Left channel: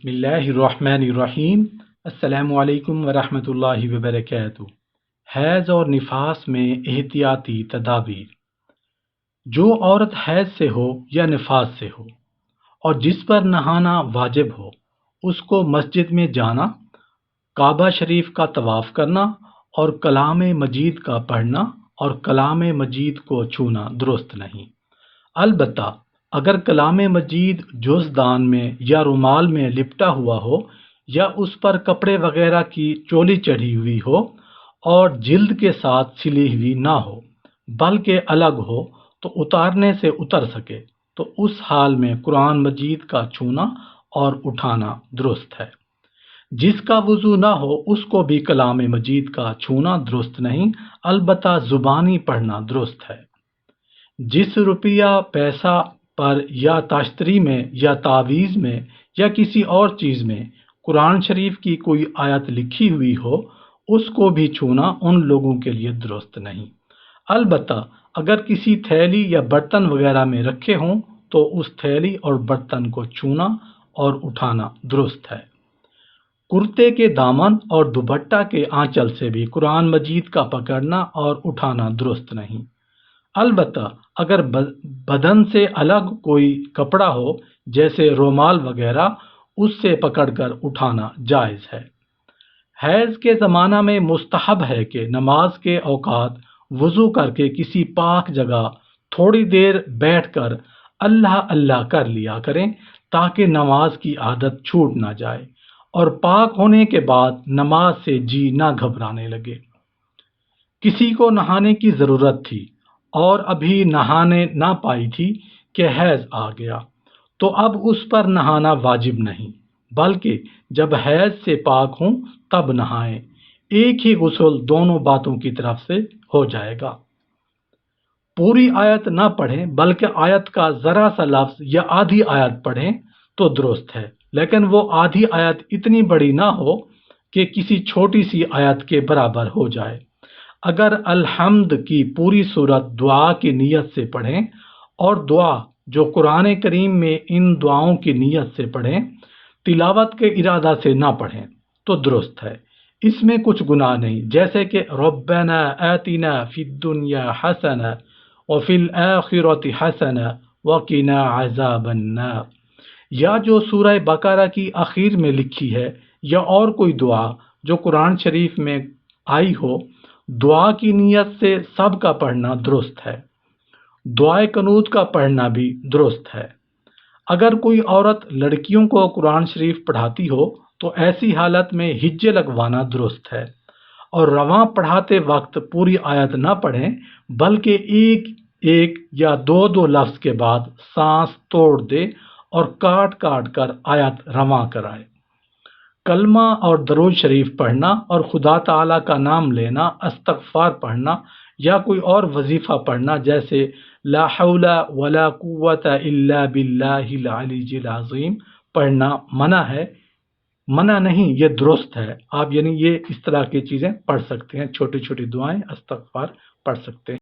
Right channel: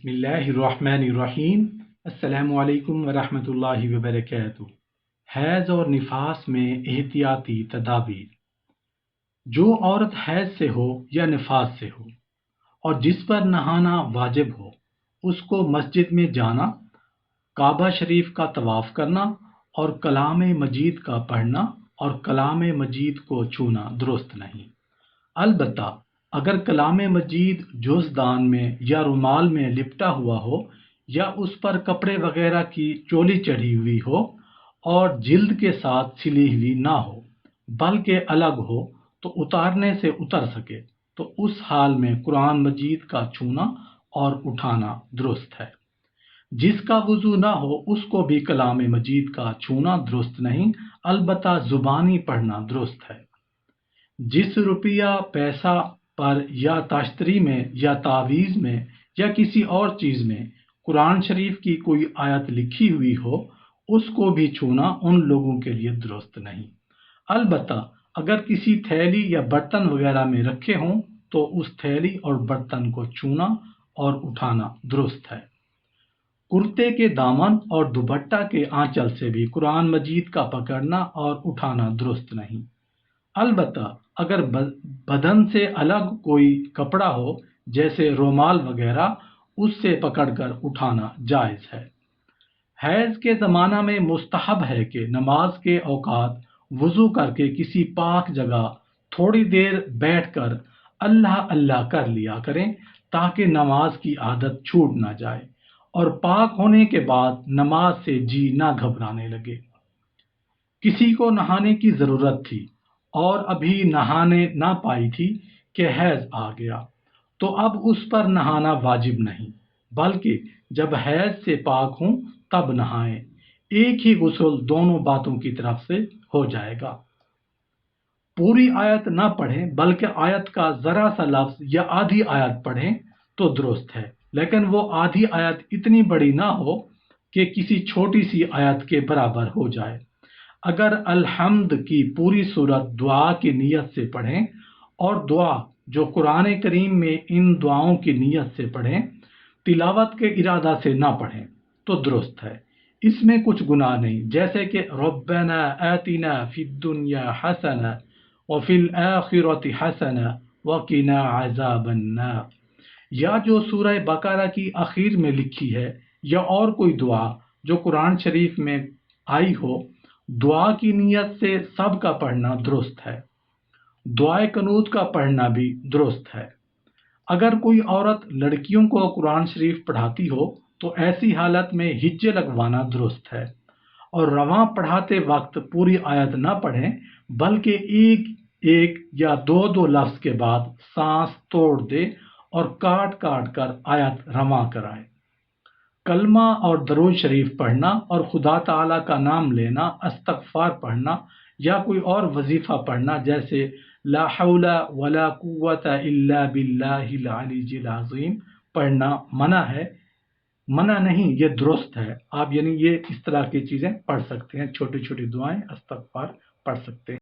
بسم اللہ الرحمن الرحیم۔ السلام علیکم ورحمۃ اللہ وبرکاتہ۔ حیض اور نفاس میں احتیاطی تدابیر۔ جو عورت حیض سے ہو یا نفاس سے ہو اور جس پر نہانا واجب ہو، اس کو مسجد میں جانا، کعبہ شریف کا طواف کرنا اور کلام مجید کا پڑھنا اور کلام مجید کو چھونا درست نہیں۔ البتہ اگر کلام مجید جوزدان میں یا رومال میں لپٹا ہوا ہو یا اس پر کپڑے وغیرہ کی چولی چڑھی ہوئی ہو اور جلد کے ساتھ سلی ہوئی نہ ہو بلکہ الگ ہو تو اتارنے سے اتر سکے، تو اس حال میں قرآن مجید کا چھونا اور اٹھانا درست ہے۔ جس کا وضو نہ ہو اس کو بھی کلام مجید کا چھونا درست نہیں، البتہ زبانی پڑھنا درست ہے۔ جس روپیہ پیسہ پر یا تاشتری میں یا تعویذ میں یا کسی اور چیز میں قرآن شریف کی کوئی آیت لکھی ہوئی ہو، اس کو بھی چھونا ان لوگوں کے لیے درست نہیں۔ البتہ اگر کسی تھیلی یا برتن وغیرہ میں رکھے ہوں تو اس تھیلی اور برتن کو چھونا اور اٹھانا درست ہے۔ کرتے کے دامن اور دوپٹہ کے آنچل سے بھی قرآن مجید کا پکڑنا اور اٹھانا درست نہیں۔ البتہ اگر بدن سے الگ کوئی کپڑا ہو جیسے رومال وغیرہ، اس سے پکڑ کر اٹھانا جائز ہے۔ حیض کے زمانہ میں مستحب ہے کہ نماز کے اوقات وضو کر کے کسی پاک جگہ تھوڑی دیر بیٹھ کر اللہ اللہ کر لیا کریں تاکہ نماز کی عادت چھوٹ نہ جائے اور پاک ہونے کے بعد نماز سے جی نہ گھبرانے لگے۔ کسی کو نہانے کی ضرورت تھی اور ابھی نہانے نہ پائی تھی کہ حیض آ گیا، تو اب اس پر نہانا واجب نہیں، بلکہ جب حیض سے پاک ہوں تب نہائیں۔ ایک ہی غسل دونوں باتوں کی طرف سے ہو جائے گا۔ پوری آیت نہ پڑھیں بلکہ آیت کا ذرا سا لفظ یا آدھی آیت پڑھیں تو درست ہے، لیکن وہ آدھی آیت اتنی بڑی نہ ہو کہ کسی چھوٹی سی آیت کے برابر ہو جائے۔ اگر الحمد کی پوری صورت دعا کی نیت سے پڑھیں اور دعا جو قرآن کریم میں ان دعاؤں کی نیت سے پڑھیں، تلاوت کے ارادہ سے نہ پڑھیں تو درست ہے۔ اس میں کچھ گناہ نہیں، جیسے کہ ربنا آتنا فی الدنیا حسنہ وفی الآخرۃ حسنہ وقنا عذاب النار، یا جو سورہ بقرہ کی آخر میں لکھی ہے، یا اور کوئی دعا جو قرآن شریف میں آئی ہو۔ دعا کی نیت سے سب کا پڑھنا درست ہے۔ دعائے قنوت کا پڑھنا بھی درست ہے۔ اگر کوئی عورت لڑکیوں کو قرآن شریف پڑھاتی ہو تو ایسی حالت میں ہجے لگوانا درست ہے، اور رواں پڑھاتے وقت پوری آیت نہ پڑھیں بلکہ ایک ایک یا دو دو لفظ کے بعد سانس توڑ دے اور کاٹ کاٹ کر آیت رواں کرائے۔ کلمہ اور درود شریف پڑھنا اور خدا تعالیٰ کا نام لینا، استغفار پڑھنا یا کوئی اور وظیفہ پڑھنا جیسے لا حول ولا قوت الا باللہ العلی العظیم پڑھنا منع نہیں، یہ درست ہے۔ آپ یہ اس طرح کی چیزیں پڑھ سکتے ہیں، چھوٹی چھوٹی دعائیں استغفار پڑھ سکتے ہیں۔